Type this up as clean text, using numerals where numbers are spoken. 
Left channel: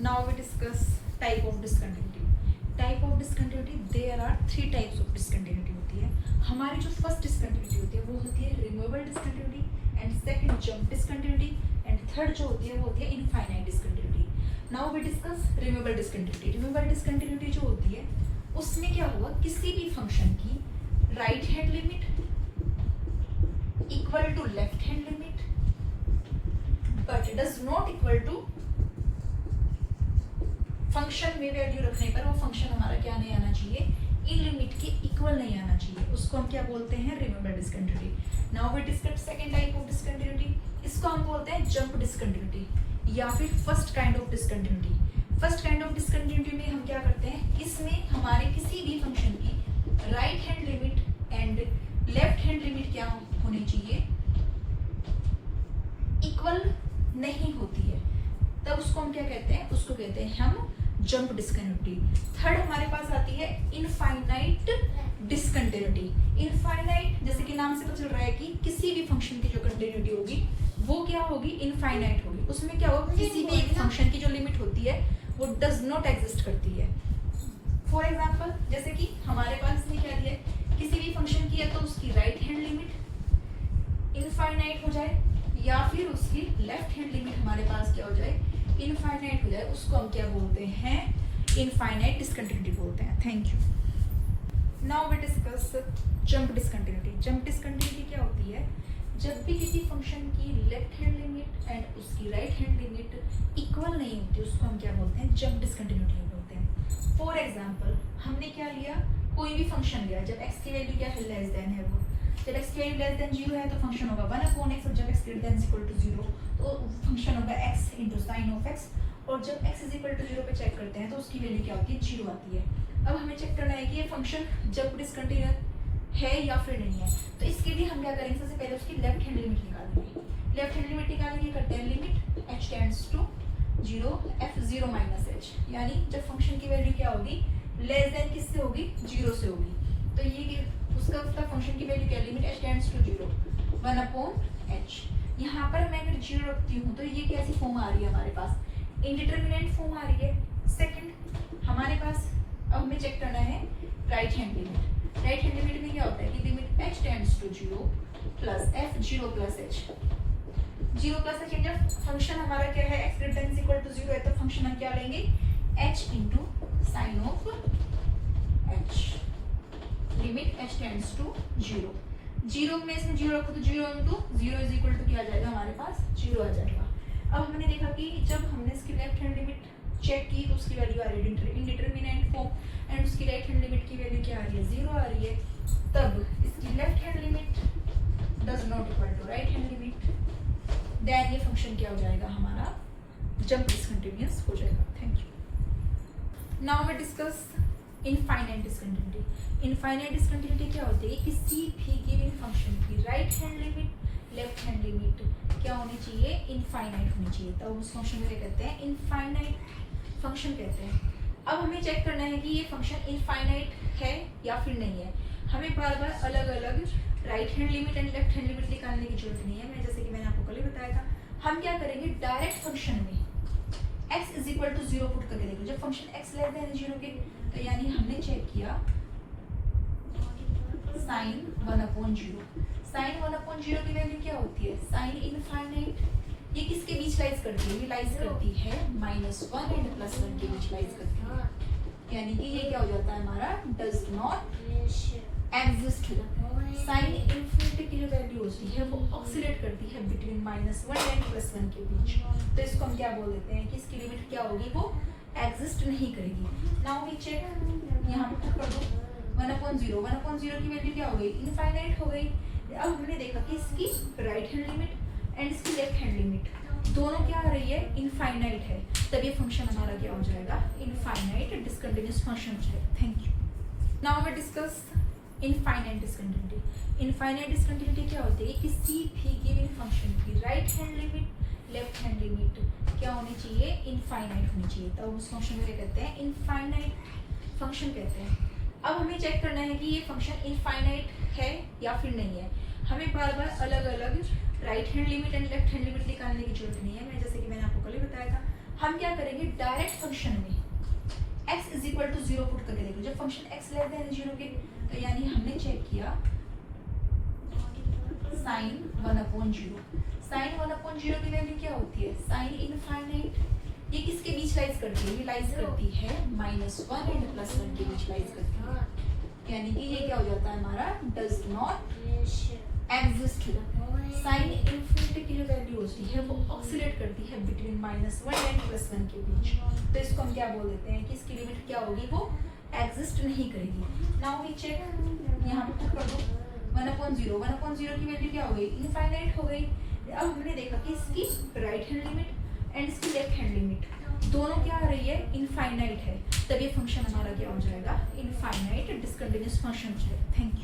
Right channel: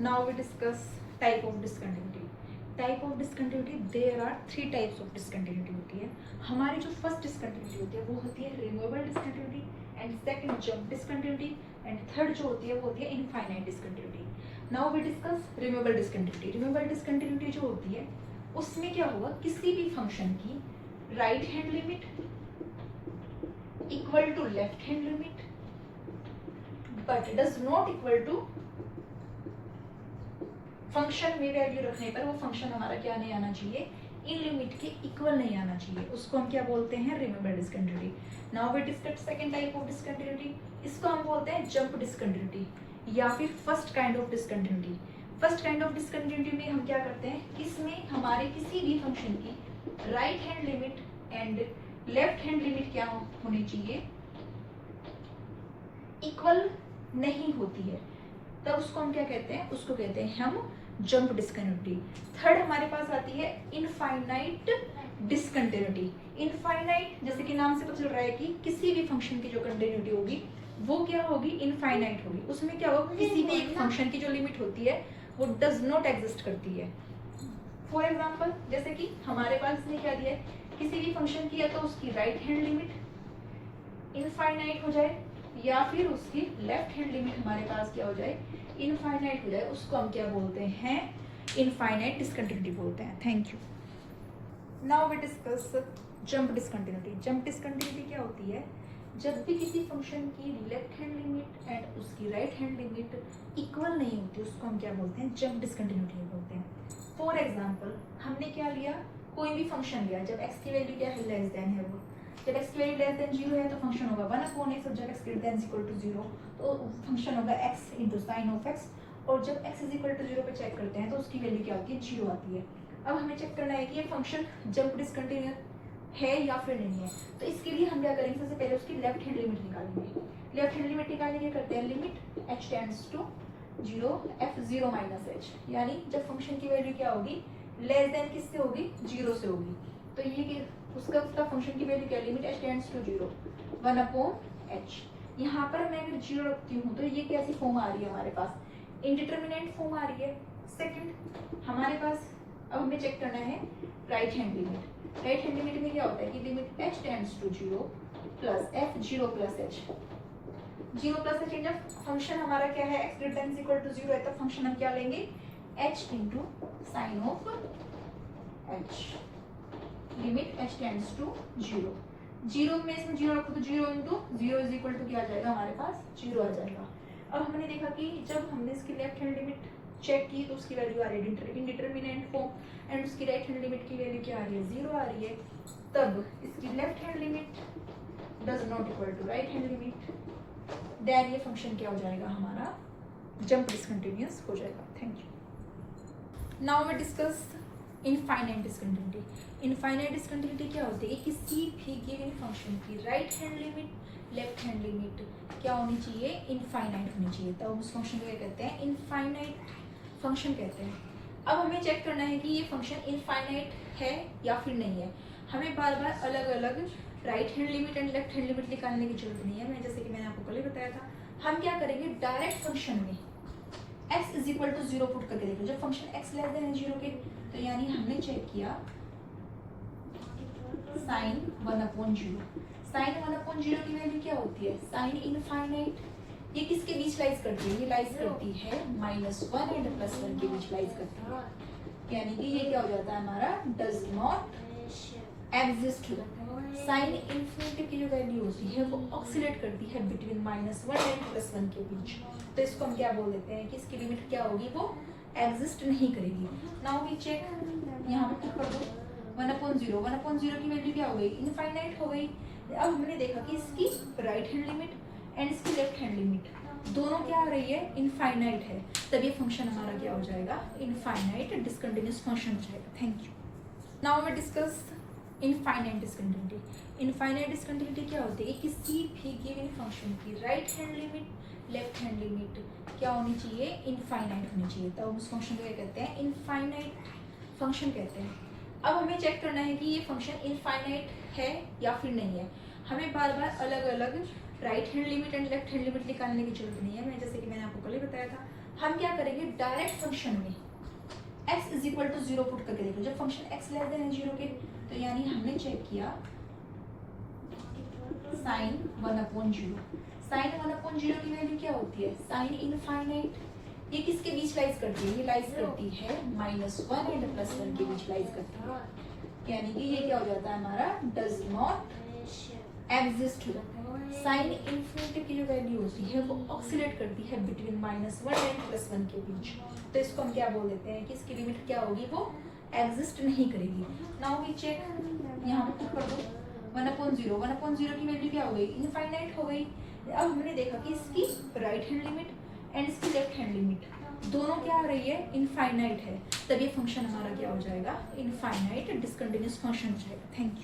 Now we discuss type of discontinuity. Type of discontinuity, there are three types of discontinuity होती है. हमारी जो first discontinuity होती है वो होती है removable discontinuity, and second jump discontinuity, and third जो होती है वो होती है infinite discontinuity. Now we discuss removable discontinuity. Removable discontinuity जो होती है उसमें क्या होगा, किसी भी फंक्शन की right hand limit equal to left hand limit but does not equal to function में वैल्यू रखने पर वो फंक्शन हमारा क्या नहीं आना चाहिए, इन लिमिट के इक्वल नहीं आना चाहिए, उसको हम क्या बोलते हैं, removable discontinuity. Now we discuss second type of discontinuity. इसको हम बोलते हैं जंप डिस्कंटिन्यूटी या फिर first kind of discontinuity. First kind of discontinuity में हम क्या करते हैं, इसमें हमारे किसी भी फंक्शन की right hand limit and left hand limit क्या होनी चाहिए, इक्वल नहीं होती है, तब उसको हम क्या कहते हैं, उसको कहते हैं हम जंप डिस्कंटिन्यूटी. थर्ड हमारे पास आती है इनफाइनाइट डिस्कंटिन्यूटी. इनफाइनाइट जैसे कि नाम से पता चल रहा है कि किसी भी फंक्शन की जो कंटिन्यूटी होगी वो क्या होगी, इनफाइनाइट होगी. उसमें क्या होगा, किसी भी एक फंक्शन की जो लिमिट होती है वो डज नॉट एग्जिस्ट करती है. फॉर एग्जाम्पल जैसे कि हमारे पास इसने क्या दिया है, किसी भी फंक्शन की है तो उसकी राइट हैंड लिमिट इनफाइनाइट हो जाए या फिर उसकी लेफ्ट हैंड लिमिट हमारे पास क्या हो जाए, इनफाइनाइट हो जाए, उसको हम क्या बोलते हैं, इनफाइनाइट डिस्कंटिन्यूटी बोलते हैं. Thank you. Now we discuss jump discontinuity. Jump discontinuity क्या होती है, जब भी किसी फंक्शन की लेफ्ट हैंड लिमिट एंड उसकी राइट हैंड लिमिट इक्वल नहीं होती उसको हम क्या बोलते हैं, जंप डिस्कंटिन्यूटी बोलते हैं. फॉर एग्जाम्पल हमने क्या लिया, कोई भी फंक्शन लिया, जब x की वैल्यू क्या है, लेस देन है, वो जब x की वैल्यू लेस देन 0 है तो फंक्शन होगा 1/x, और जब x greater than equal to 0 तो फंक्शन होगा x into sine of x, और जब x इज इक्वल टू 0 पे चेक करते हैं तो उसकी वैल्यू क्या होती है, 0 आती है. अब हमें चेक करना है कि ये फंक्शन जंप डिस्कंटिन्यूअस है या फिर नहीं है, तो इसके लिए हम क्या करेंगे, सबसे पहले उसकी लेफ्ट हैंड लिमिट निकालेंगे. लेफ्ट हैंड लिमिट निकालने के करते हैं limit h tends to 0 f0 minus h, यानी जब फंक्शन की वैल्यू क्या होगी, लेस देन किससे होगी, 0 से होगी, तो ये उसका फंक्शन की वैल्यू क्या, limit h tends to 0 1/h. यहाँ पर मैं अगर 0 रखती हूँ तो ये कैसी फॉर्म आ रही है हमारे पास, इनडिटरमिनेट फॉर्म आ रही है. सेकंड हमारे पास अब हमें चेक करना है right hand limit. Right hand limit में क्या होता है कि limit h tends to 0 plus f0 plus h. 0 plus h जब फंक्शन हमारा क्या है, x greater than equal to 0 है, तो फंक्शन हम क्या लेंगे, h into sine of h. Limit h tends to 0. 0 में इसमें 0 रखो तो 0 इंटू 0 इज इक्वल टू क्या आ जाएगा, हमारे पास 0 आ जाएगा. अब हमने देखा कि जब हमने इसकी लेफ्ट हैंड लिमिट चेक की तो उसकी वैल्यू आ रही है इनडिटरमिनेट फॉर्म, एंड उसकी राइट हैंड लिमिट की वैल्यू क्या आ रही है, 0 आ रही है, तब इसकी left hand limit does not equal to right hand limit, then ये फंक्शन क्या हो जाएगा, हमारा जंप डिस्कंटिन्यूअस हो जाएगा. Thank you. Now we discuss infinite discontinuity. Infinite discontinuity क्या होती है, किसी भी गिवन फंक्शन की right hand limit left hand limit क्या होनी चाहिए, इनफाइनाइट होनी चाहिए, तो उस फंक्शन को क्या कहते हैं, इनफाइनाइट फंक्शन कहते हैं. अब हमें चेक करना है कि ये फंक्शन इनफाइनाइट है या फिर नहीं है. हमें बार बार अलग अलग right hand limit and left hand limit निकालने की जरूरत नहीं है. मैं जैसे कि मैंने आपको कल ही बताया था, हम क्या करेंगे, डायरेक्ट फंक्शन में x is equal to 0 put करके देखो. जब फंक्शन x लेस देन 0 के, तो यानी हमने चेक किया साइन 1/0. साइन 1/0 की वैल्यू क्या होती है, साइन इनफाइनाइट. ये किसके बीच लाइज करती है, ये लाइज करती है -1 एंड +1 के बीच लाइज करती है, यानी कि ये क्या हो जाता है, हमारा does not exist. Sine infinity की जो वैल्यू होती है वो ऑक्सिलेट करती है बिटवीन -1 एंड +1 के बीच, तो इसको हम क्या बोल देते हैं कि इसकी लिमिट क्या होगी, वो एग्जिस्ट नहीं करेगी. नाउ वी चेक, यहाँ पे पुट कर दो 1/0 की वैल्यू क्या हो गई, इनफाइनाइट हो गई. अब हमने देखा कि इसकी राइट हैंड लिमिट एंड इसकी लेफ्ट हैंड लिमिट दोनों क्या आ रही है, इनफाइनाइट है, तब ये फंक्शन हमारा क्या हो जाएगा, इनफाइनाइट डिस्कंटिन्यूअस फंक्शन हो जाएगा. Thank you. Now we discuss infinite discontinuity. Infinite discontinuity क्या होती है, किसी भी गिवन फंक्शन की right hand limit left hand limit क्या होनी चाहिए, इनफाइनाइट होनी चाहिए, तो उस फंक्शन को क्या कहते हैं, इनफाइनाइट फंक्शन कहते हैं. अब हमें चेक करना है कि ये फंक्शन इनफाइनाइट है या फिर नहीं है. हमें बार बार अलग अलग right hand limit and left hand limit निकालने की जरूरत नहीं है. मैं जैसे कि मैंने आपको कल ही बताया था, हम क्या करेंगे डायरेक्ट फंक्शन में x is equal to 0 put करके देखो। जब फंक्शन x लेस देन 0 के, तो यानी हमने चेक किया साइन 1/0। साइन 1/0 की वैल्यू क्या होती है? Sine infinite. ये किसके बीच लाइज करती है? ये लाइज करती है -1 एंड +1 के बीच लाइज करती है। यानी कि ये क्या हो जाता है हमारा does not exist. Sine infinity की जो वैल्यू होती है वो ऑक्सीलेट करती है बिटवीन -1 एंड +1 के बीच। तो इसको हम क्या बोल देते हैं कि इसकी लिमिट क्या होगी? वो एग्जिस्ट नहीं करेगी। नाउ वी चेक, यहाँ पे पुट कर दो 1/0। 1/0 की वैल्यू क्या हो गई? इनफाइनाइट हो गई। अब हमने देखा कि इसकी राइट हैंड लिमिट एंड इसकी लेफ्ट हैंड लिमिट दोनों क्या आ रही है? इनफाइनाइट है। तब ये फंक्शन हमारा क्या हो जाएगा? इनफाइनाइट डिसकंटिन्यूअस फंक्शन हो जाएगा। Thank you.